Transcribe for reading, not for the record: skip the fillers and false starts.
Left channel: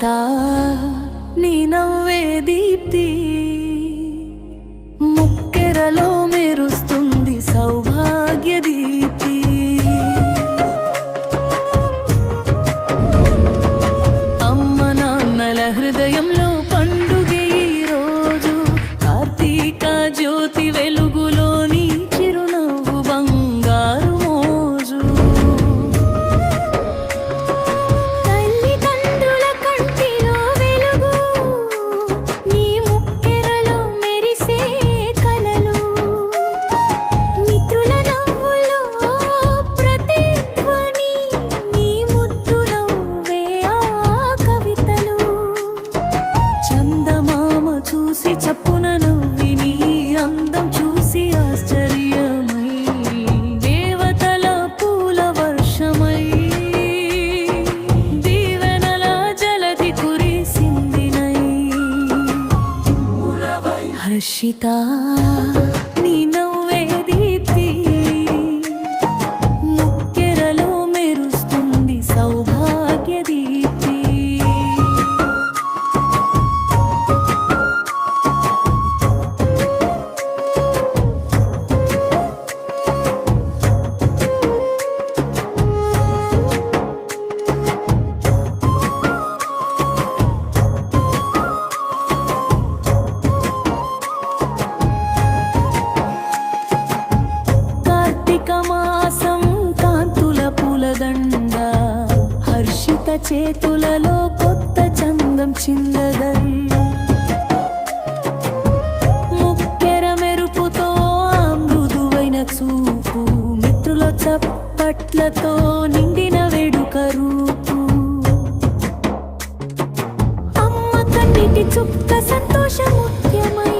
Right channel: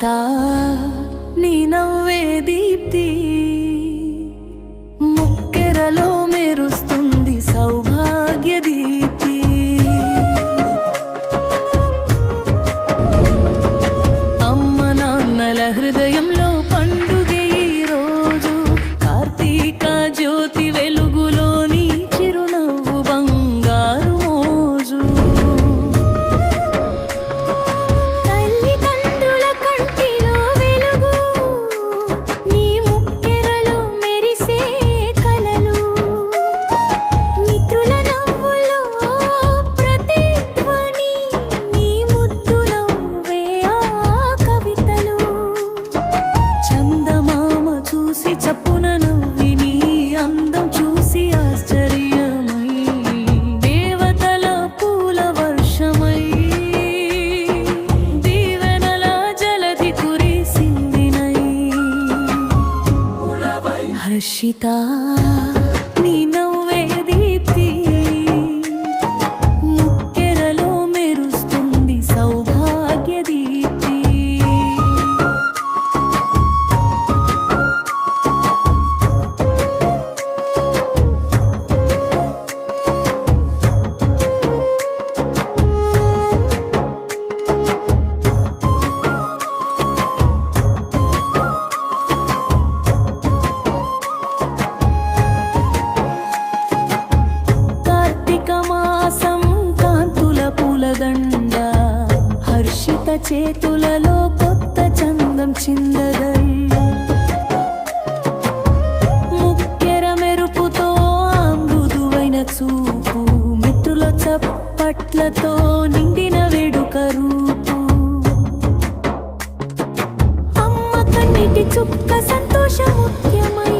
హర్షిత నీ నవ్వే దీప్తి, ముక్కెరలో మెరుస్తుంది సౌభాగ్య దీప్తి. అమ్మ నాన్నల హృదయంలో పండుగే ఈ రోజు, కార్తీక జ్యోతి వెలుగులోని చిరునవ్వు బంగారు మోజు. తల్లిదండ్రుల కంటిలో వెలుగు, నీ ముక్కెరలో మెరిసే కలలు, మిత్రుల నవ్వులో ప్రతిధ్వని, నీ ముద్దు నవ్వే ఆ కవితలు. చందమామ చూసి చప్పున నవ్వి, నీ అందం చూసి ఆశ్చర్యమై, దేవతల పూల వర్షమై, దీవెనల జలధి కురిసిందినై. హర్షిత నీ నవ్వే దీప్తి, ముక్కెరలో మెరుస్తుంది సౌభాగ్య దీప్తి. కార్తీక మాసం కాంతుల పూలదండ, హర్షిత చేతులలో కొత్త చందం చిందదై. ముక్కెర మెరుపుతో ఆ మృదువైన చూపు, మిత్రుల చప్పట్లతో నిండిన వేడుక రూపు. అమ్మ కన్నిటి చుక్క సంతోష ముఖ్యమై,